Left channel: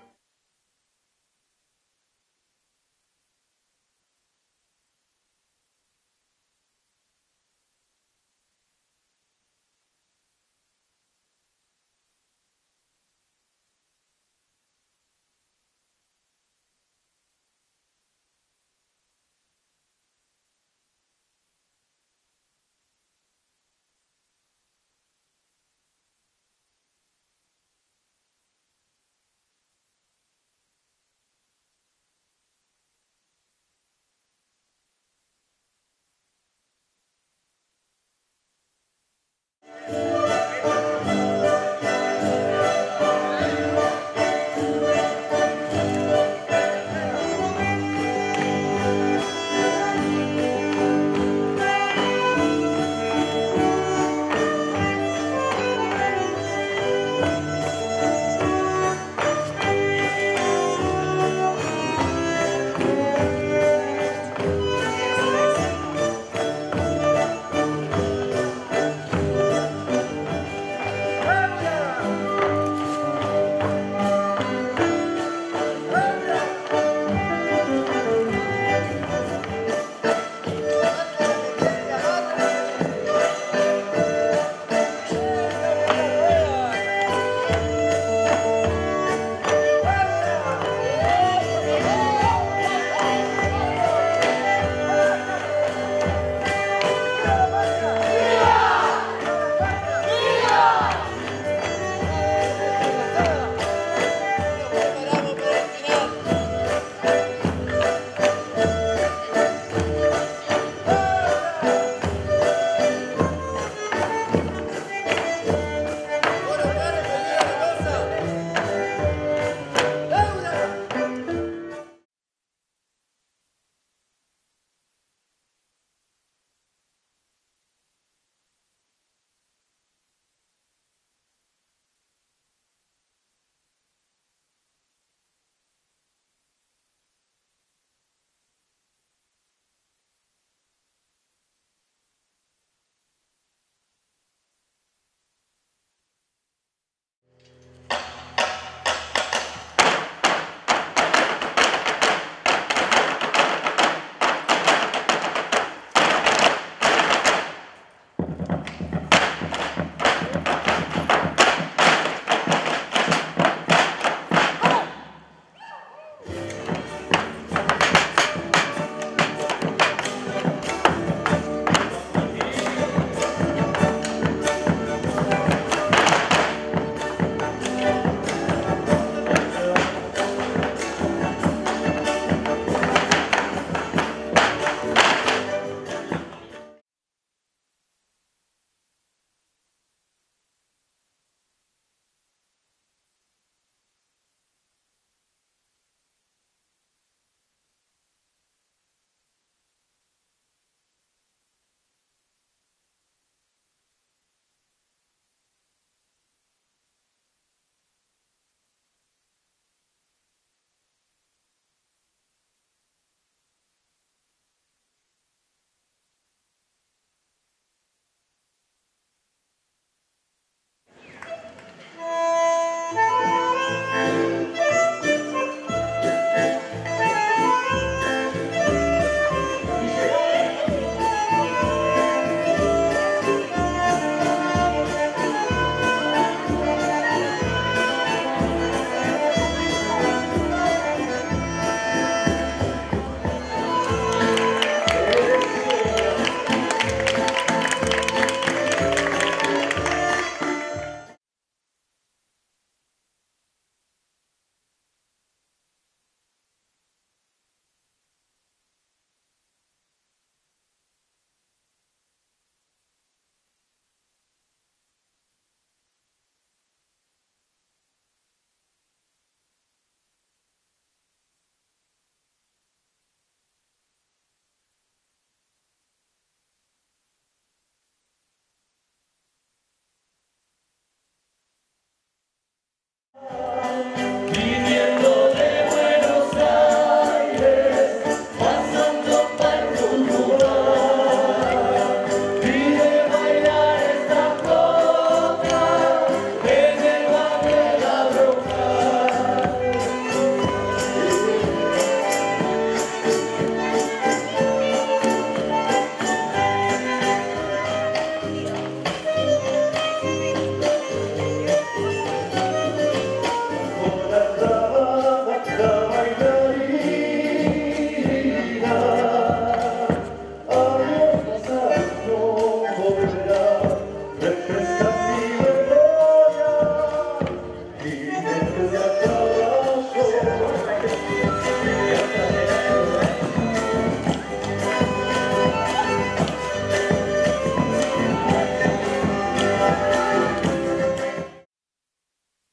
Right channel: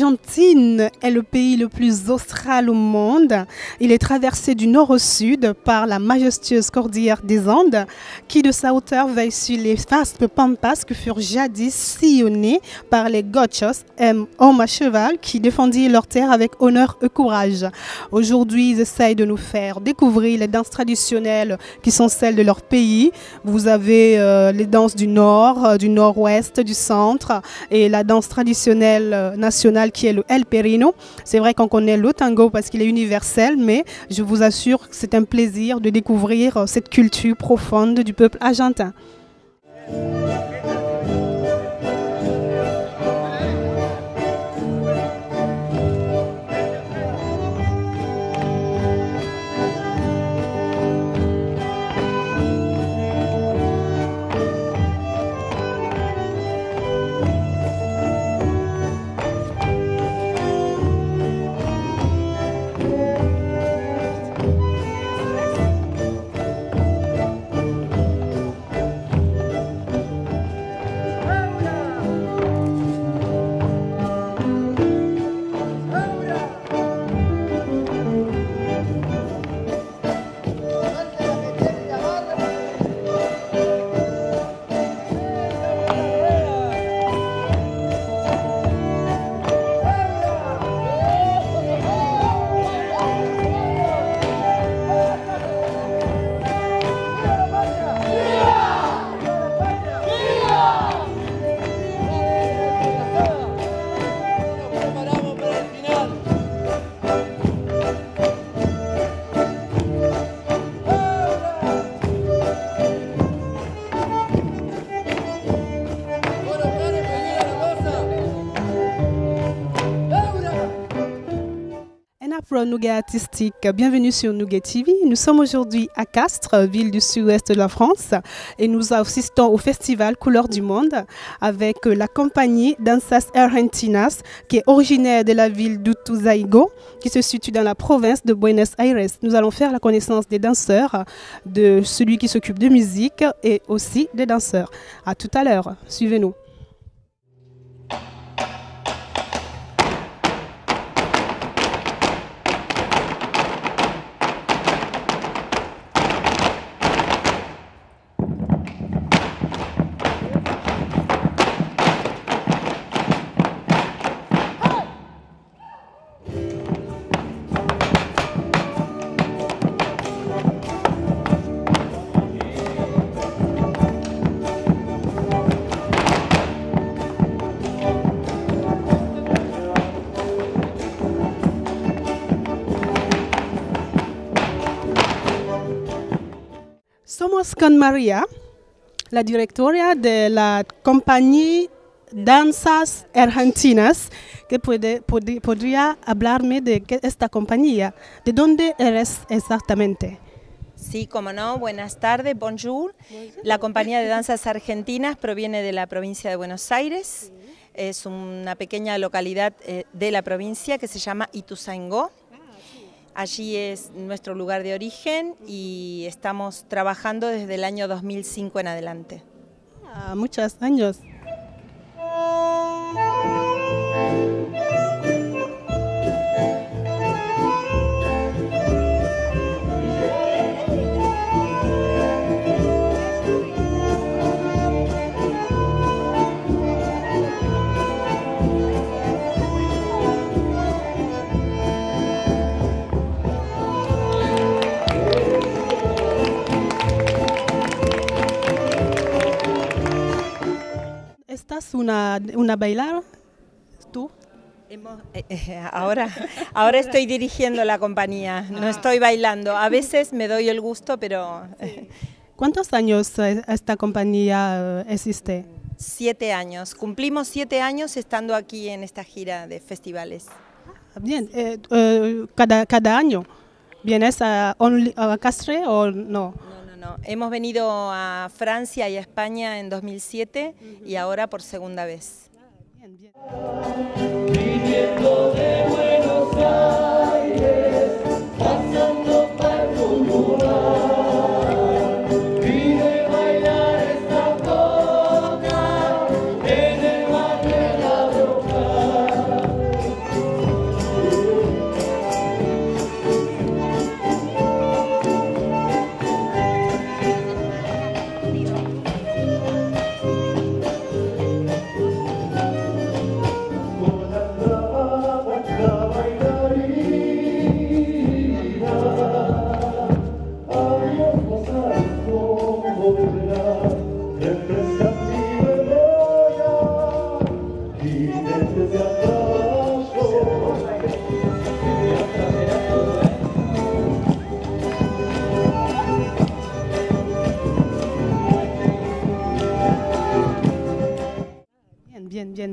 L'Argentine est le pays le plus austral au monde. Il est traversé du nord au sud par la majestueuse cordillère des Andes, qui de sa hauteur veille sur les vastes pampas que furent jadis sillonnés par les gauchos, hommes à cheval qui défendirent leur terre avec honneur et courage. Aujourd'hui, ils essayent de nous faire découvrir les danses traditionnelles qui sont celles de leur pays. Vous avez les danses du nord, du nord-ouest, du centre et la danse traditionnelle nationale qui est le El Perino. C'est vrai qu'on connaît le tango parce qu'il est universel, mais je vous assure que c'est un plaisir de découvrir cette culture profonde du peuple argentin. Nougat artistique, bienvenue sur Nougat TV. Nous sommes aujourd'hui à Castres, ville du sud-ouest de la France, et nous assistons au festival Couleurs du Monde avec la compagnie Danzas Argentinas qui est originaire de la ville d'Utuzaingó qui se situe dans la province de Buenos Aires. Nous allons faire la connaissance des danseurs, de celui qui s'occupe de musique et aussi des danseurs. À tout à l'heure, suivez-nous. Somos con María, la directora de la compañía Danzas Argentinas, que podría hablarme de esta compañía. ¿De dónde eres exactamente? Sí, como no, buenas tardes, bonjour. La compañía de danzas argentinas proviene de la provincia de Buenos Aires. Es una pequeña localidad de la provincia que se llama Ituzaingó. Allí es nuestro lugar de origen y estamos trabajando desde el año 2005 en adelante. Muchos años. ¿Estás una bailar tú? Ahora estoy dirigiendo la compañía, no estoy bailando. A veces me doy el gusto, pero... ¿Cuántos años esta compañía existe? 7 años. Cumplimos 7 años estando aquí en esta gira de festivales. Bien, cada año. ¿Vienes a Castres o no? No. Hemos venido a Francia y a España en 2007 y ahora por segunda vez. Viniendo de Buenos Aires, pasando por un lugar, y de bailar esta conga en el barrio de La Bruja.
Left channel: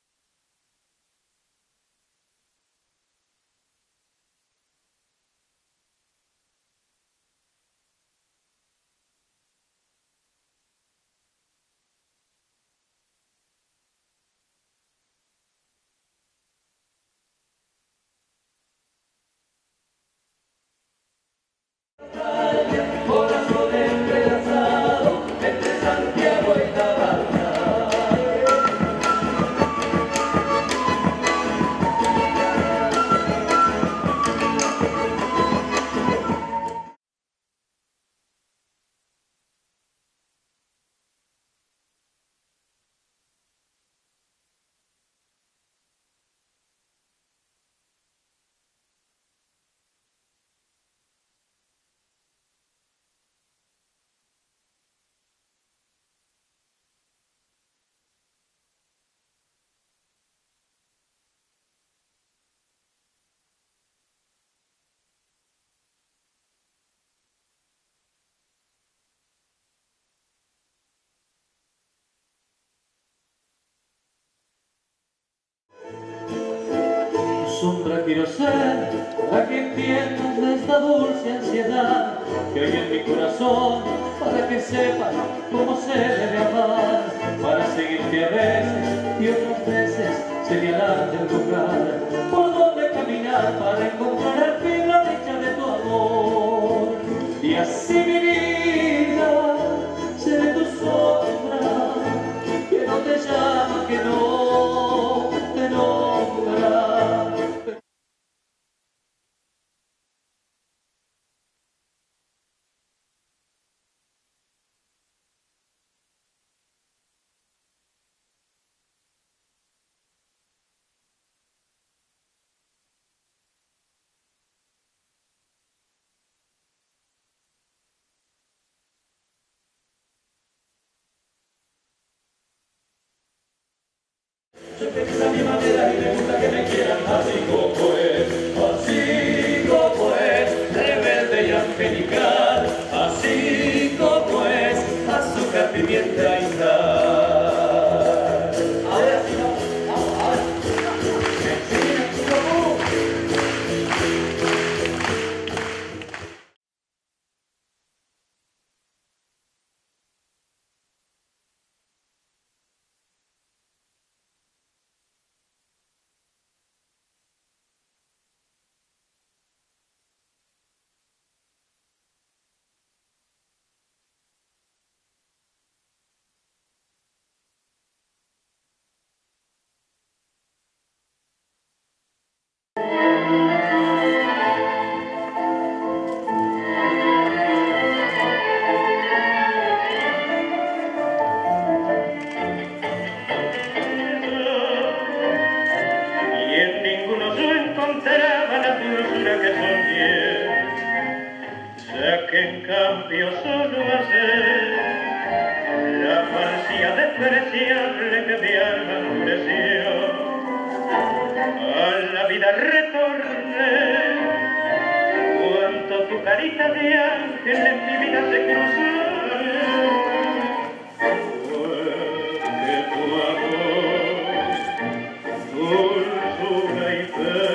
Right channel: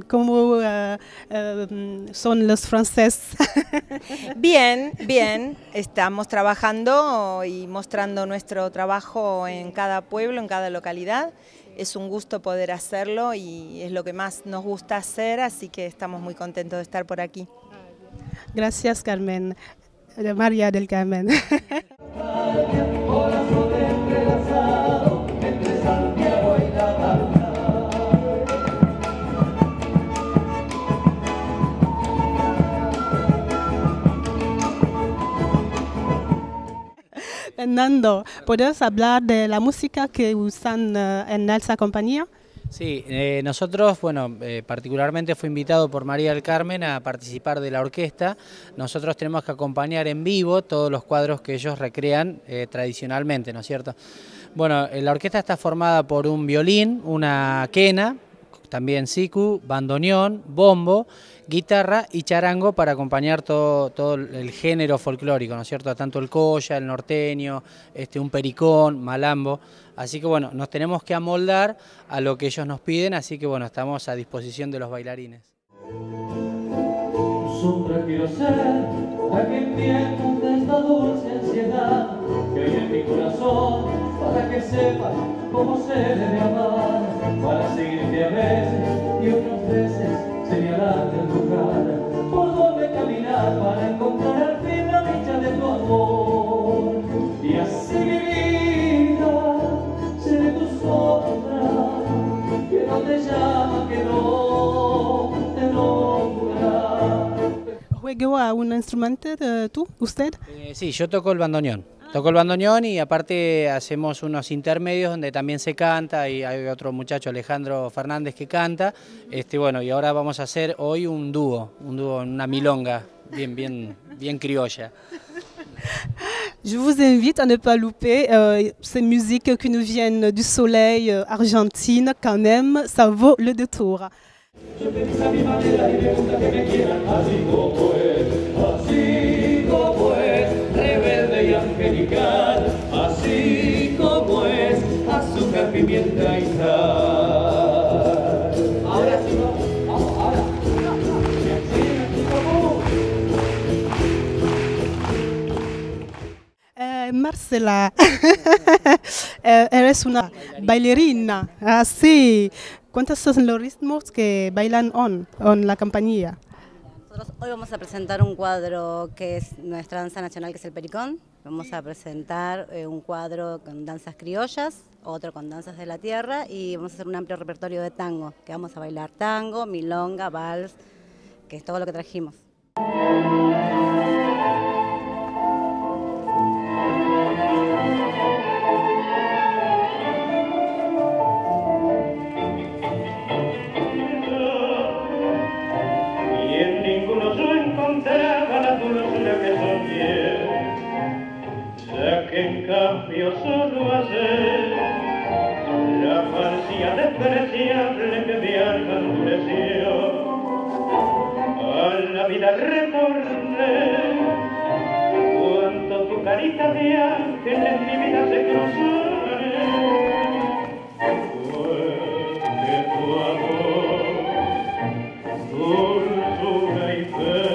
¿Cómo son los franceses? Bien, bien, estamos trabajando y mostrando nuestro trabajo en cada pueblo, en cada localidad. Es un gusto poder hacerlo y es lo que más nos gusta hacer, así que estamos muy contentos de estar por aquí. Gracias, Carmen. María del Carmen. Corazón entrelazado entre Santiago y Cataluña. Fernando, ¿puedes hablar de la música que usan en esa compañía? Sí, nosotros, bueno, particularmente fui invitado por María del Carmen a participar de la orquesta. Nosotros tenemos que acompañar en vivo todos los cuadros que ellos recrean tradicionalmente, ¿no es cierto? Bueno, la orquesta está formada por un violín, una quena, también siku, bandoneón, bombo, guitarra y charango para acompañar todo el género folclórico, ¿no es cierto? Tanto el colla, el norteño, un pericón, malambo. Así que bueno, nos tenemos que amoldar a lo que ellos nos piden, así que bueno, estamos a disposición de los bailarines. Sombra quiero ser la que entienda esta dulce ansiedad que hay en mi corazón, para que sepan cómo se debe amar, para seguirte a veces y otras veces señalarte el lugar por donde caminar para encontrar al fin la dicha de tu amor. Y así mi vida seré tu sombra, que no te llama, que no te logrará. ¿Juega un instrumento tú, usted? Sí, yo toco el bandoneón. Toco el bandoneón y aparte hacemos unos intermedios donde también se canta y hay otro muchacho, Alejandro Fernández, que canta. Bueno, y ahora vamos a hacer hoy un dúo, una milonga bien criolla. Je vous invite à ne pas louper ces musiques qui nous viennent du soleil argentine. Quand même, ça vaut le détour. Yo feliz a mi manera y me gusta que me quieran así como es, rebelde y angelical, así como es, azúcar, pimienta y sal. Ahora sí, vamos, ahora. Marcela, eres una bailarina, sí. ¿Cuántos son los ritmos que bailan en la compañía? Nosotros hoy vamos a presentar un cuadro que es nuestra danza nacional, que es el pericón. Vamos a presentar un cuadro con danzas criollas, otro con danzas de la tierra y vamos a hacer un amplio repertorio de tango, que vamos a bailar tango, milonga, vals, que es todo lo que trajimos. La dulzura que soñé, ya que en cambio solo hacer la falsía despreciable que mi alma endureció, a la vida retorné, cuando tu carita de ángel en mi vida se cruzó. Fue que tu amor, dulzura y fe,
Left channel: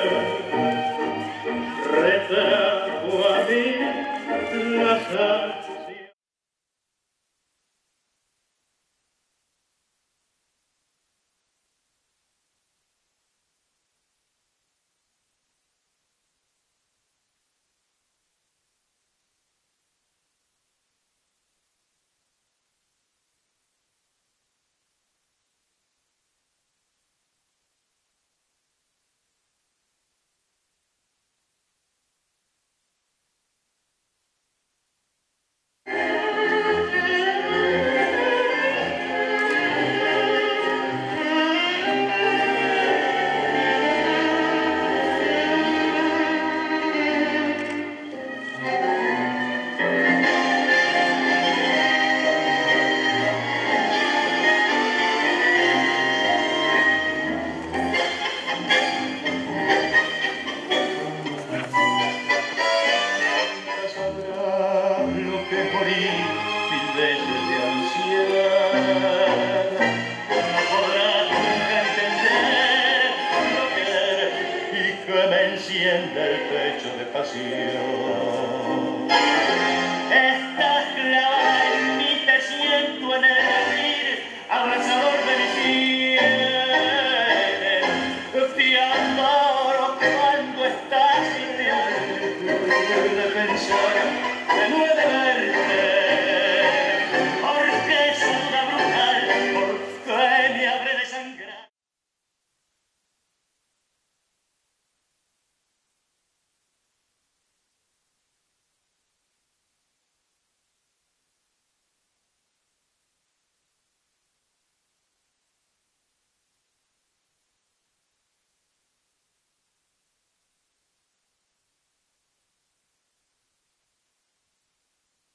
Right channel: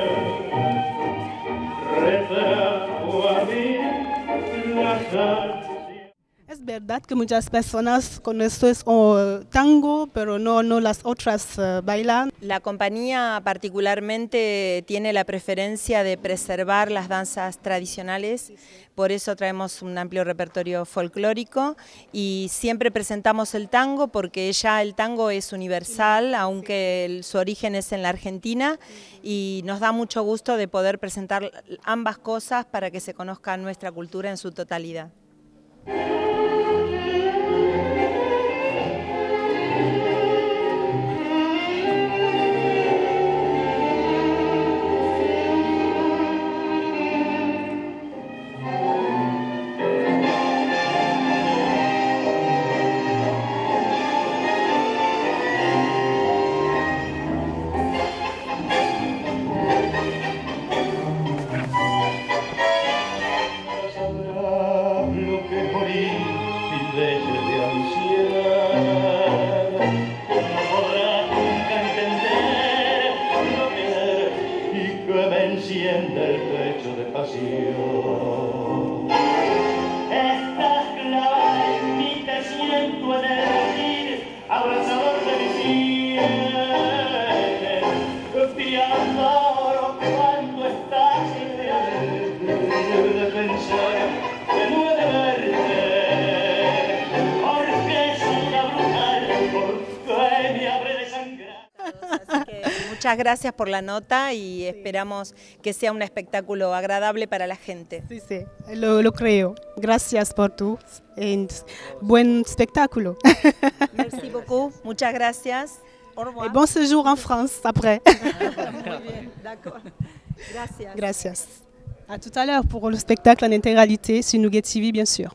es verdad que muchas personas conocen tango, pero no las otras bailan. La compañía particularmente tiene la preferencia de preservar las danzas tradicionales, por eso traemos un amplio repertorio folclórico y siempre presentamos el tango porque ya el tango es universal, aunque su origen es en la Argentina, y nos da mucho gusto de poder presentar ambas cosas para que se conozca nuestra cultura en su totalidad. De ansiedad, no podrás nunca entender hecho de pasión. Estás clavada en mí, te siento en el latir, abrazador de mi cielo. Te adoro cuando estás libre de pensar que no he de verte, porque es una brutal, porque me habré de sangrar. Así que muchas gracias por la nota y esperamos que sea un espectáculo agradable para la gente. Sí, sí, lo creo. Gracias por tu buen espectáculo. Merci beaucoup, muchas gracias. Au Et revoir. bon séjour en France après. Muy bien, d'accord. Gracias. Gracias. À tout à l'heure pour le spectacle en intégralité sur Nougat TV, bien sûr.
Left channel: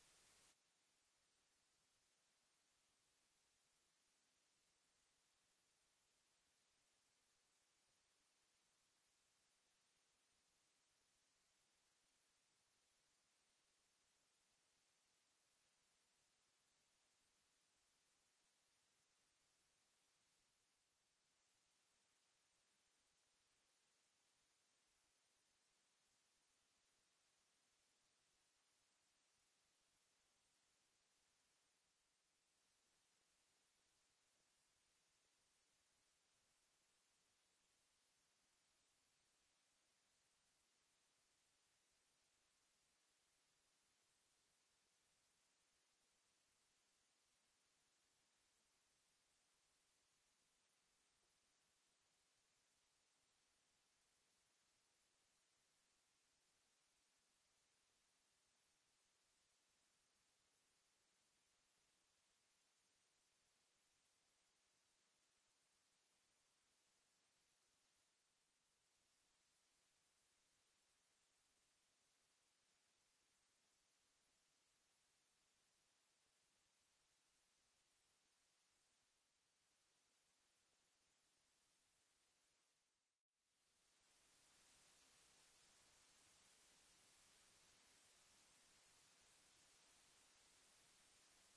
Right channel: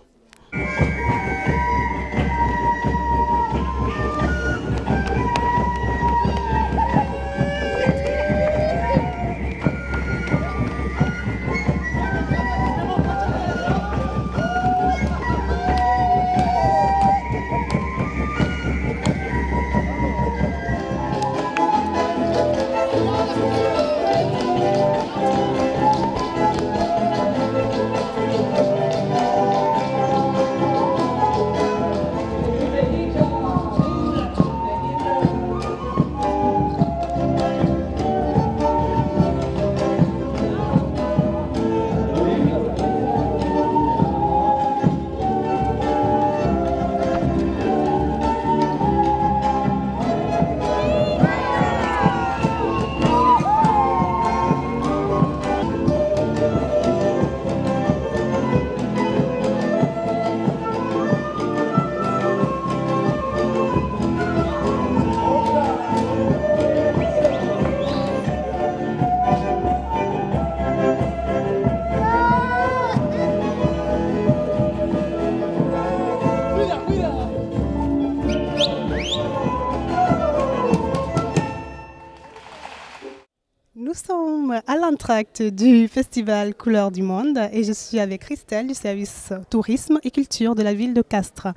Nous sommes à l'entracte du festival Couleurs du Monde et je suis avec Christelle du service tourisme et culture de la ville de Castres.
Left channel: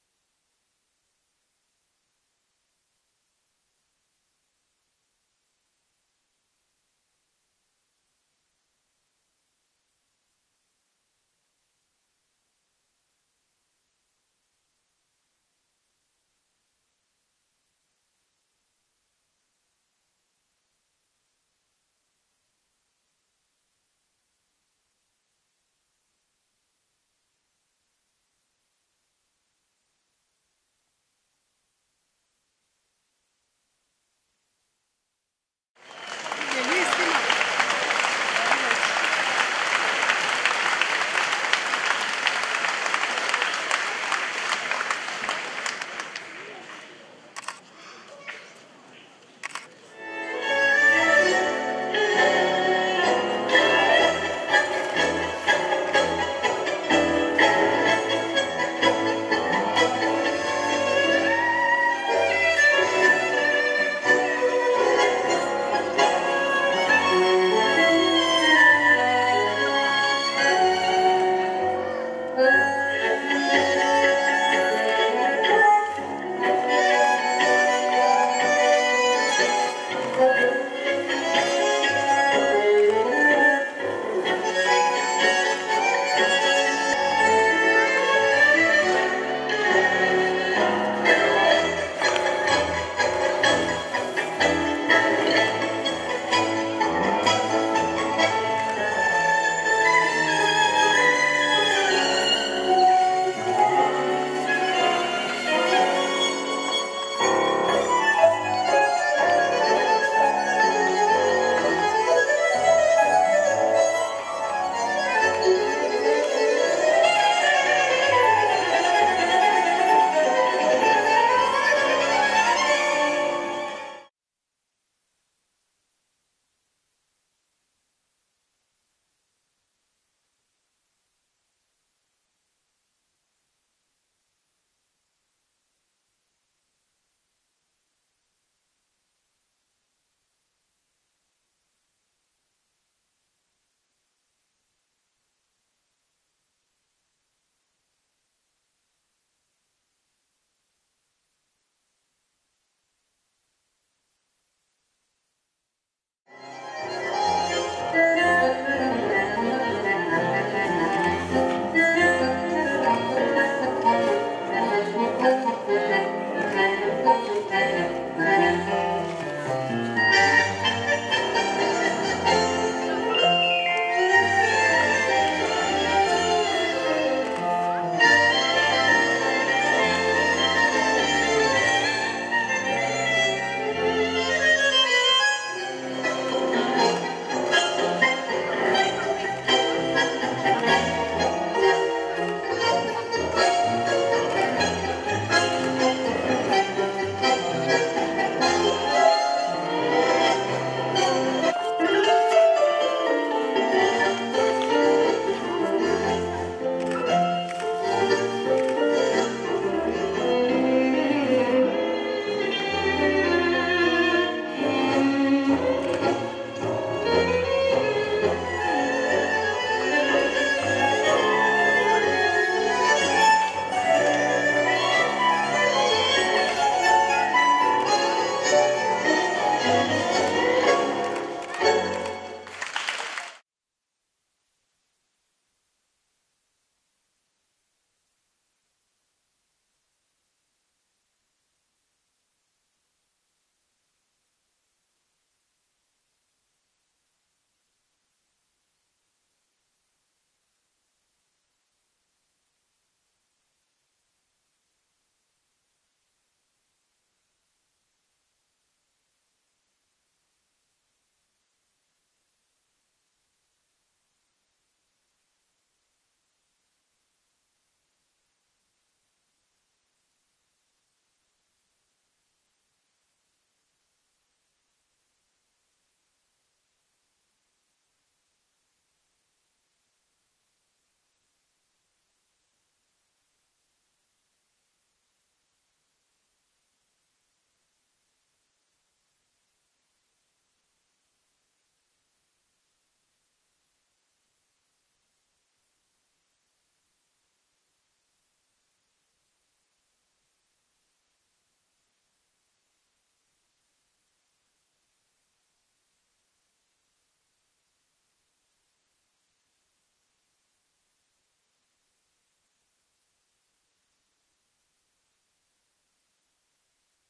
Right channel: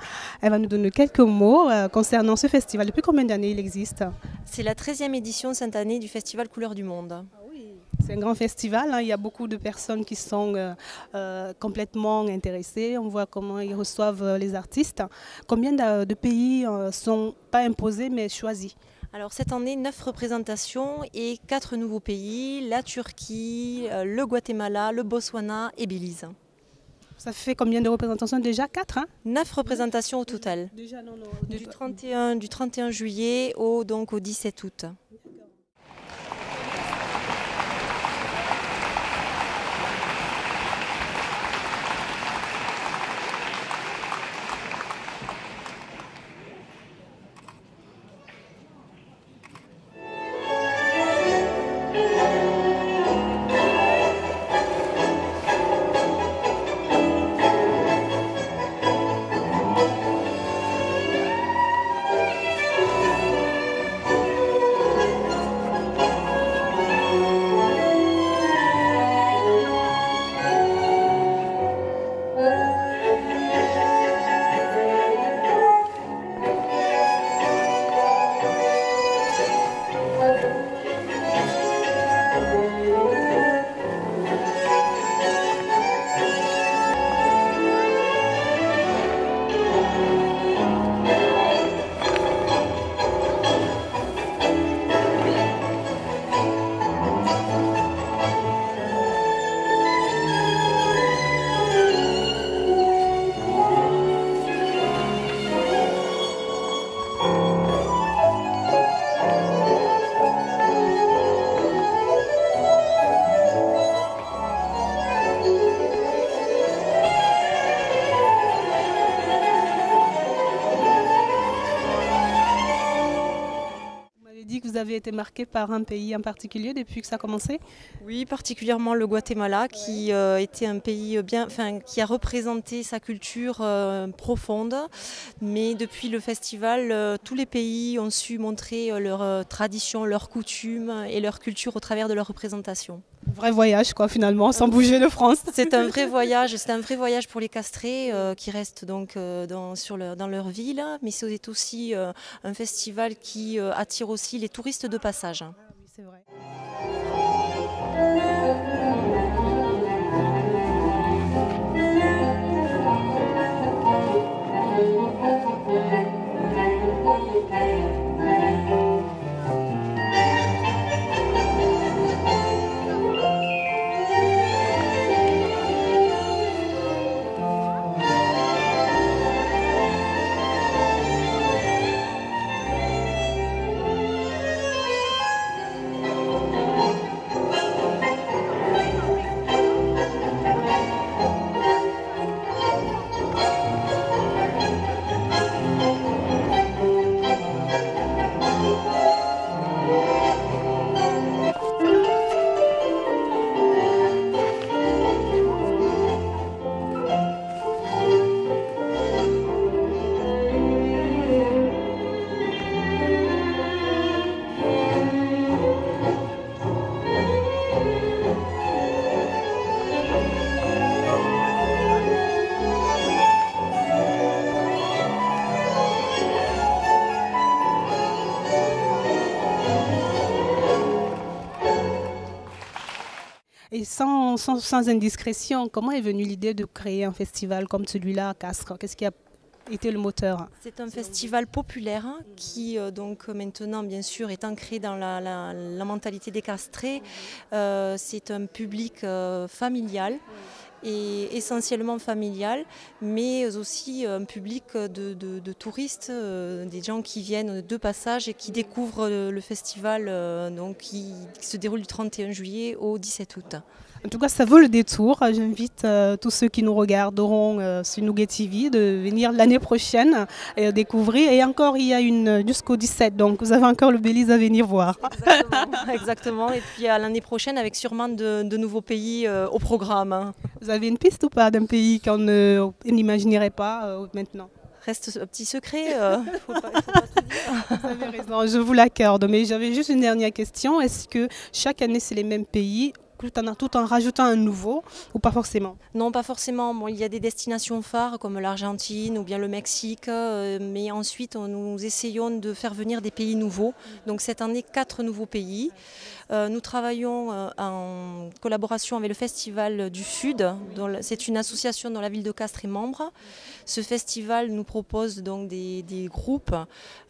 Elle va nous donner quelques mots concernant ce festival. Depuis combien d'années il existe? C'est la 13e édition cette année du festival Couleurs du Monde. C'est un grand festival, hein. Il y a beaucoup de personnes qui sont complètement intéressées. On voit comment ils reçoivent les artistes. Combien de pays ne sont pas imposés mais choisis? Alors cette année, 9 représentations et 4 nouveaux pays, la Turquie, le Guatemala, le Botswana et Belize. Ça fait combien de représentations déjà? 4, hein? 9 représentations au total, Déjà, non. du 31 juillet donc au 17 août. Vous avez été marqué par un pays en particulier depuis que ça a commencé? Oui, particulièrement le Guatemala qui était un pays qui a représenté sa culture profonde. Mais depuis le festival, tous les pays ont su montrer leurs traditions, leurs coutumes et leur culture au travers de leur représentation. Vrai voyage quoi finalement, sans bouger de France. C'est un vrai voyage pour les Castrés qui restent donc dans leur ville, mais c'est aussi un festival qui attire aussi les touristes de passage. Ah, oui, c'est vrai. Et sans indiscrétion, comment est venue l'idée de créer un festival comme celui-là à Castres? Qu'est-ce qui a été le moteur? C'est un festival populaire qui donc maintenant bien sûr est ancré dans la mentalité des Castrés. C'est un public familial et essentiellement familial, mais aussi un public de touristes, des gens qui viennent de passage et qui découvrent le festival donc, qui se déroule du 31 juillet au 17 août. En tout cas, ça vaut le détour. J'invite tous ceux qui nous regarderont sur Nougat TV de venir l'année prochaine et découvrir. Et encore, il y a jusqu'au 17, donc vous avez encore le Belize à venir voir. Exactement. Et puis à l'année prochaine, avec sûrement de nouveaux pays au programme. Vous avez une piste ou pas d'un pays qu'on n'imaginerait pas maintenant? Reste un petit secret. Faut pas tout dire. Vous avez raison, je vous l'accorde. Mais j'avais juste une dernière question. Est-ce que chaque année, c'est les mêmes pays, tout en rajoutant un nouveau, ou pas forcément? Non, pas forcément. Bon, il y a des destinations phares comme l'Argentine ou bien le Mexique, mais ensuite nous essayons de faire venir des pays nouveaux. Donc cette année, 4 nouveaux pays. Nous travaillons en collaboration avec le Festival du Sud. C'est une association dont la ville de Castres est membre. Ce festival nous propose donc des groupes.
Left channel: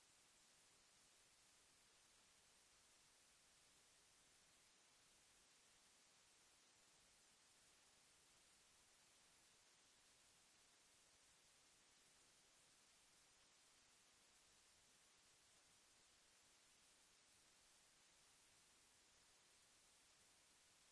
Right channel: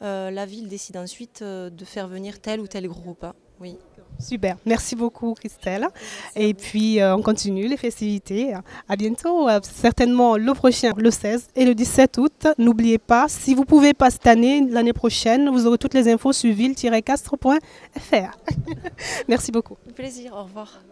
La ville décide ensuite de faire venir tel ou tel groupe. Oui. Super, merci beaucoup Christelle. Et puis on continue les festivités. À bientôt, certainement le prochain, le 16 et le 17 août. N'oubliez pas, si vous ne pouvez pas cette année, l'année prochaine, vous aurez toutes les infos sur ville-castres.fr. Merci beaucoup. Un plaisir, au revoir.